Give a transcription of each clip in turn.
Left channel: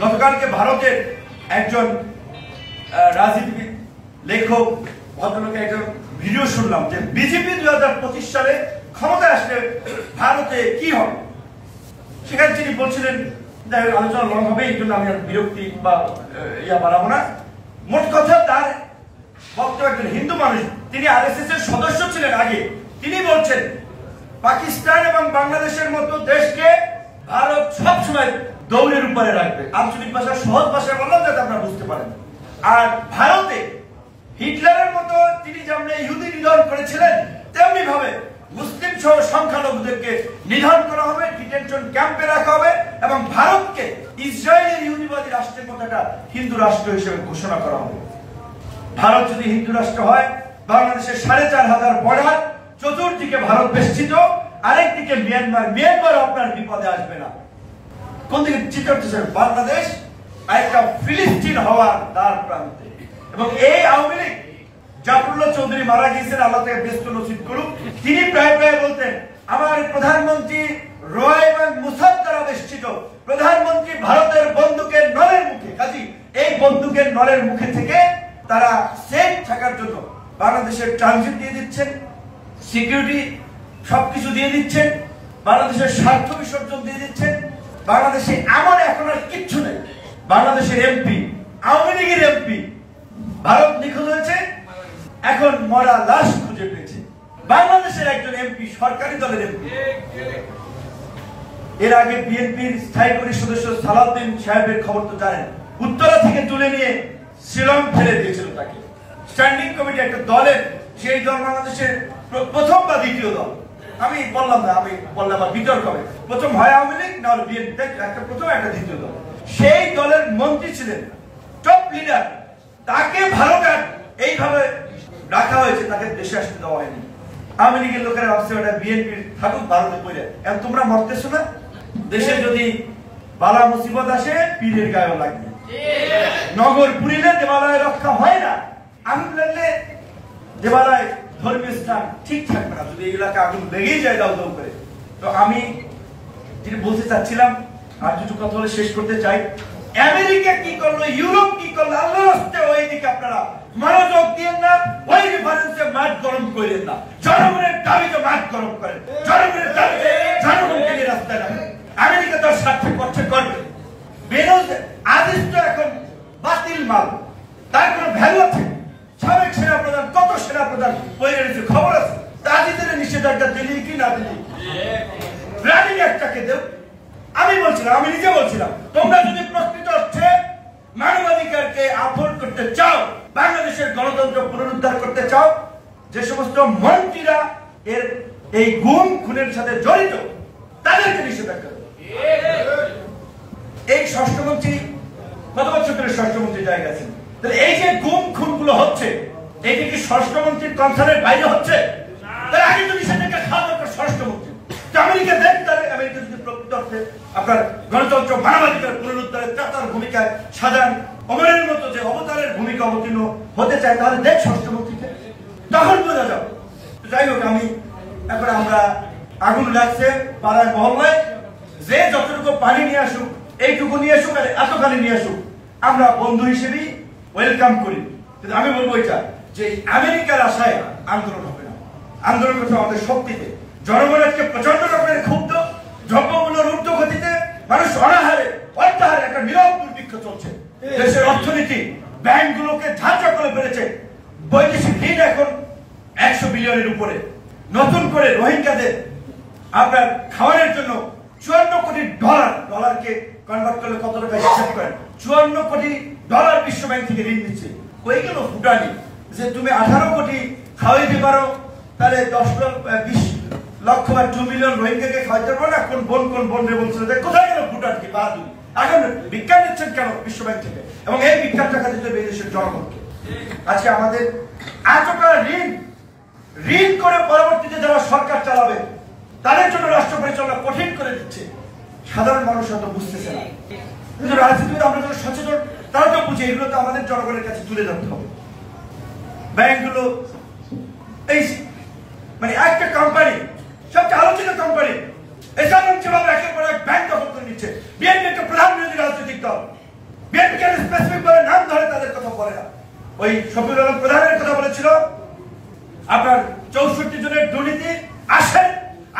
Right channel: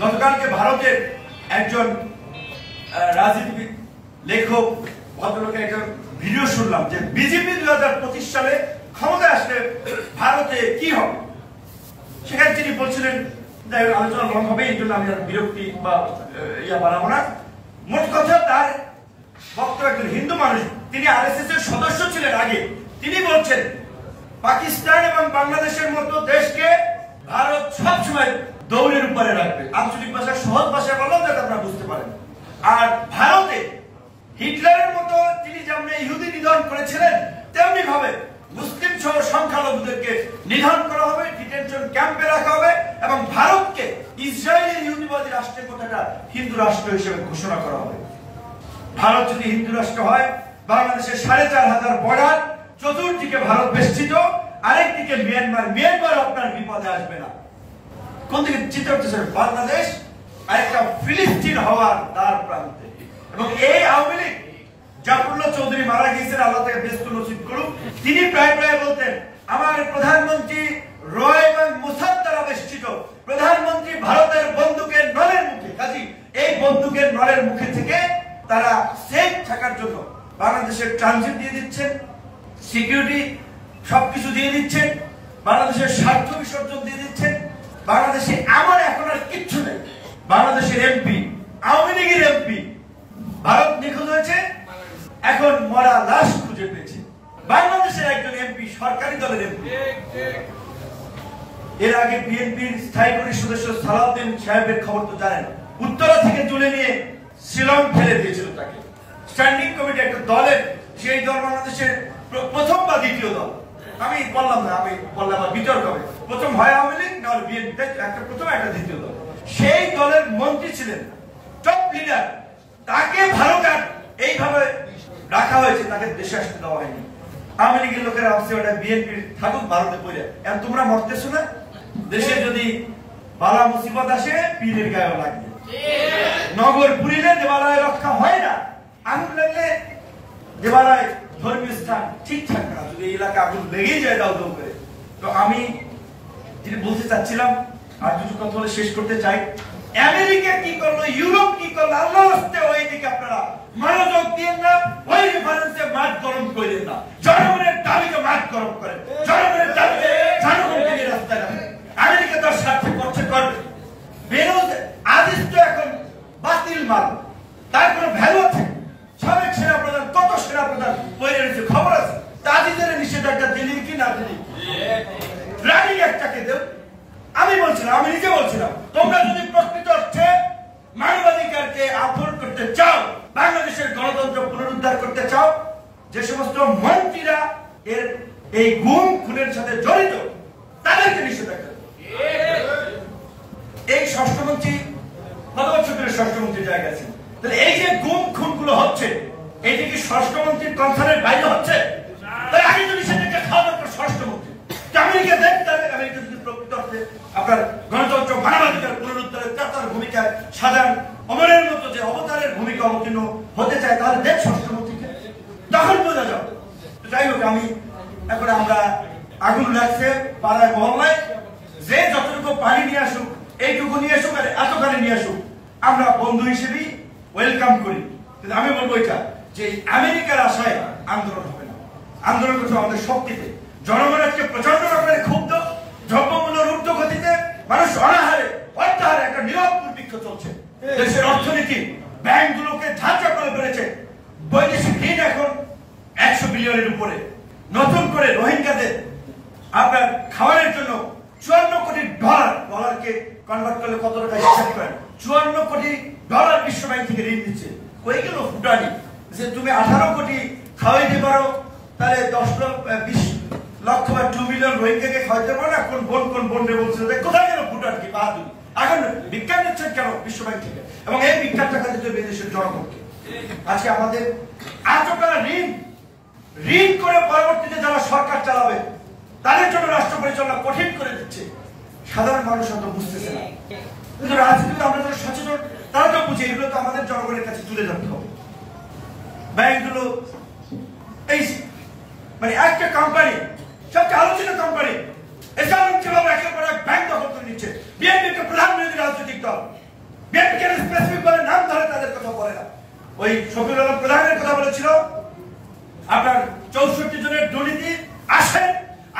গতকালকে ভারতের একজন রাজনীতিবিদ লেখক ভদ্রলোকের একজন ভিডিও শুনলাম যে বিজেপি 2025 সালে ক্ষমতায় আসলে ভারতে কি হবে। সেখানে তিনি বলছিলেন, আলোচনা লং হবে, এই জন্য আমি বিরক্তি বা বাড়াবো না। মোট কথা তার বক্তব্য, একজন হিন্দু মানুষ, তিনি আরএসএস এর সদস্য ছিলেন আগে। তিনি বলছেন পাকিস্তান এবং বাংলাদেশের মতো দেশকে ভারত সবসময় দৌড়ের উপরে রাখবে। আঞ্চলিক ভাষা, সহজ ভাষায় বললাম যাতে আপনারা বুঝতে পারেন। আর ভারতে হিটলারের মতো তিনি যেমন ইহুদি নিধন করেছিলেন, তেমনি ভাবে মুসলিম সহ সংখ্যালঘুদেরকে নিধন করা হবে, ডিটেনশন ক্যাম্পে রাখা হবে এবং ভারতকে ইসরায়েলের ইহুদিবাদী রাষ্ট্রের কথাটা হিন্দু রাষ্ট্র হিসেবে ঘোষণা করা হবে। ভারত যদি হিন্দু রাষ্ট্র হয়, বাংলাদেশের 4500 বর্ডার, চতুর্দিকে ভারত বেষ্টিত, আরেকদিকে মিয়ানমার আপনার বিপদে আসবে না। কোন দিকে চিন্তা করতেছেন? বাংলাদেশ একটা ফিলিস্তিন হওয়ার দ্বার প্রান্তে। এবং এই আওয়ামী লীগ, জাফরুল্লাহ চৌধুরী মারা গিয়েছেন, আল্লাহ তাকে ব্যস্ত নসিব করুক, তিনি প্রায় প্রায় বলতেন আমার প্রধানমন্ত্রী রয় এবং মুসাদ দ্বারা বেষ্টিত, প্রধানমন্ত্রী ভারতের বন্দুকের নলের মুখে। কাজী এই বন্দুকের নলের মুখে থেকে তারা সেফ থাকার জন্য বাংলাদেশের ট্রানজিট দিয়ে দিচ্ছেন, সিকিউরিটি সবকিছু দিয়ে দিচ্ছেন, বাংলাদেশের স্বার্থ বিসর্জন দিয়ে দিচ্ছেন। বাংলাদেশে এমন এখন আর কিচ্ছু নেই। বাংলাদেশের এমপি, আওয়ামী লীগের এমপি ভারত নিখোঁজ হয়েছে, এখন মরা লাশ খুঁজে পেয়েছে। বাংলাদেশের একজন এমপি, সরকারি দলের এমপি, এর আগে বিএনপির স্থায়ী কমিটির সদস্য সালাউদ্দিন সাহেবের খবর তো জানেন, উত্তরা থেকে তুলে নিয়ে শিলং ফেলে দিয়েছিল তাকে। স্ট্যান্ডিং কমিটি একটা দলের, সেই দল বাংলাদেশের প্রথম বা দ্বিতীয় দল, আমি বললাম না, আমি বললাম বিতর্ক হবে, প্রথম হয় আওয়ামী লীগ না হলে বিএনপি, একটা প্রথম একটা দ্বিতীয় দল। সেই দলের মন্ত্রী ছিলেন, টপ লিডার, তাকে ভারত এইভাবে রাখা হয়েছে, তাকে দেশে আসতে দেওয়া হয়নি। আওয়ামী লীগের লোকেরা ভাবছে ওটা বিএনপির থাকুক, ভারতে পড়ে। এখন তোমরা মরতেছো না? দেশে যদি বালা মুসিবত আসে পীরের গায়েও লাগবে। নগর পুরিলে দেবালয় রক্ষা হয় না, আগুন লাগলে দেবালয় ধর্মীয় স্থান ঠিক থাকবে না, যদি এই এলাকা আগুন লেগেই যায় দাও দাও করে। তো আমি যেটা বলতে চাচ্ছিলাম, আর কিছু কথা বলে শেষ করতে চাই। আমেরিকা কি করলো, ইউরোপ কি করলো, আল্লাহ রাস্তে ওই দিকে আপনারা মনোযোগ দিয়ে না, ওই রেফারেন্সে মাঠ গরম করেন না। জনগণের দাবিতে মাঠ গরম করেন, জনগণের দাবিতে জনগণকে নিয়ে রাস্তায় নামেন। আমেরিকা তার স্বার্থে করছে, করবে। বেরোজ আদিস তো এখন বাতিল মাল, তার কোনো ভ্যালু আছে? সাবেক সেনাপ্রধান, কত সেনাপ্রধান বইয়ে রয়েছে, খবর আছে। তাদের নিষেধাজ্ঞা দিলি কি না দিলি, রানিং একটাকে দেব। আমি বলছিলাম, আমি নিজে বলছিলাম, তোমরা যদি প্রকৃত অর্থে মানবাধিকারকে আফোর্ড করতে চাও, বাংলাদেশের গণতন্ত্র পুনরুদ্ধার করতে চাও, যে সমস্ত মন্ত্রীরা এর এই গুম খুনের সাথে জড়িত তাদেরকে নিষেধাজ্ঞা দেব। এই ষষ্ঠমন্ত্রী কত বছর ধরে ষষ্ঠমন্ত্রী জায়গা আছেন, তাহলে এই যে গুম খুন গুলো হচ্ছে, এইটা কি ষষ্ঠমন্ত্রীর কনসার্নের বাইরে হচ্ছে? তাহলে আগে তো নিষেধাজ্ঞা খাওয়া দরকার ষষ্ঠমন্ত্রী। আমেরিকা দেখ, তাহলে আমেরিকা যদি প্রকৃত অর্থে আপনার গণতন্ত্র মানবাধিকার পুনরুদ্ধারে তার ভূমিকায় সাধারণ অমরের মতো যে অবতারের ভূমিকা অবতীর্ণ হতে চায়, তাহলে দেখ ষষ্ঠমন্ত্রীকে, তখন বোঝা যাও। যাই হোক, আমি এখন আমরা আগুন লাগছে পাড়ায় মহল্লায়, যে যতটুকু পানি নিয়ে আসুক, এইটুকু নিয়ে আসুক আর এতখানি নিয়ে আসুক, আমরা বন্ধু হিসেবেই ওয়েলকাম করি। কিন্তু আমি বলবো এটা যে আমেরিকার আশায় আন্দোলন হবে না, আন্দোলন করতে আমাদের শক্তিতে। জনগণ আজকে প্রচন্ড রকমের ক্ষুব্ধ, দ্রব্যমূল্যের ঊর্ধ্বগতিতে মানুষ অনাহারে অত্যাহারে একটা নীরব দুর্ভিক্ষ চলছে। দেশের অর্থনীতি, ব্যাংকগুলোকে ধাঁচা করে ফেলেছে, বৈদেশিক ঋণ এখন 100 বিলিয়নের উপরে। নতুন করে রোহিঙ্গাদের আপনার খাওয়ানোর জন্য 54 কোটি ডলার, ডলারকে কনভার্ট করলে কত টাকা হিসাব করেন, 54 কোটি ডলার বিশ্ব ব্যাংক থেকে ঋণ দিচ্ছে। হয়ে গেল ফুটানি যে তুমি 18 কোটি খাওয়াইতে পারো, তাহলে 20 লক্ষ বা 2 মিলিয়ন রোহিঙ্গাকে খাওয়াইতে পারো না। কোন বোন রে বলছিল, কোথায় গেল ফুটানি বাহাদুরি? এখন বিজ্ঞান দিচ্ছেন কেন বিশ্ব ব্যাংক থেকে? এবং এই বিজ্ঞান টাকা দিতে হবে দেশের জনগণকে। আজকে আমাদের এতটা ঋণ করে পরবর্তীতে যারা সরকার চালাবে তাদের জন্য রাষ্ট্র পরিচালনা কঠিন করে দিচ্ছে। সাধারণ মানুষ হয়তো বুঝতেছে না, কিন্তু রাজনীতিতে আমরা যারা সচেতন তারা তো বুঝে, এগুলো তো আমাদের জনগণের কাছে তুলে ধরতে হবে। ব্যাংকগুলো এই মানে একটা কোম্পানি, সবচেয়ে আলোচিত কোম্পানি, এসব কিভাবে একের পর এক ব্যাংক দখল করে নিচ্ছে। বিএনপি একটা প্রধান বিরোধী রাজনৈতিক দল, করে না। ওই শফিউল আলম প্রধানের কথা বলেছিল আপনার 64 জনের দুর্নীতি আসেন।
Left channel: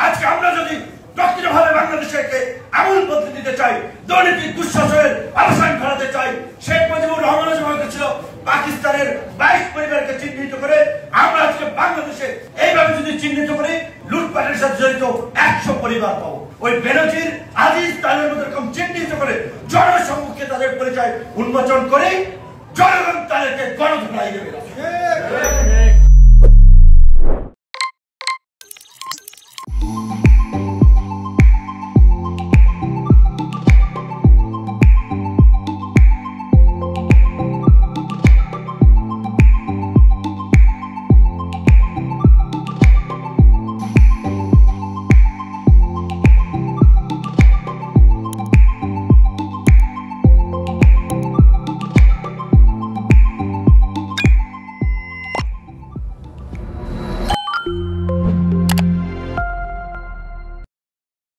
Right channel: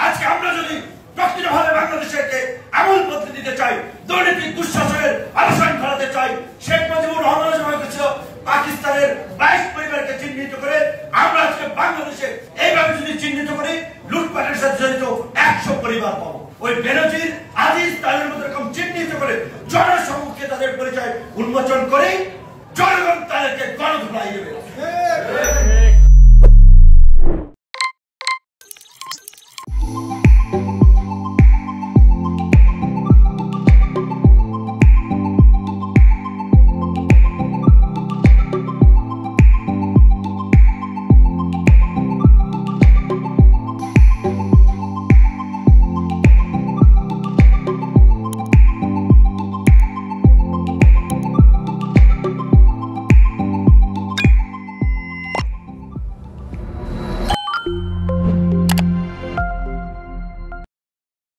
আজকে আমরা যদি প্রকৃতভাবে বাংলাদেশকে আমূল বদলে দিতে চাই, দুর্নীতি দুঃশাসনের অবসান ঘটাতে চাই, শেখ মুজিবুর রহমান ছিল পাকিস্তানের 22 পরিবারকে চিহ্নিত করে, আমরা আজকে বাংলাদেশে এইভাবে যদি চিহ্নিত করি লুটপাটের সাথে জড়িত 100 পরিবার পাবো। ওই বেনজির আজিজ তাদের মতো এরকম চিহ্নিত করে জনসম্মুখে তাদের পরিচয় উন্মোচন করে জনগণ তাদেরকে গণধোলাই দেবে।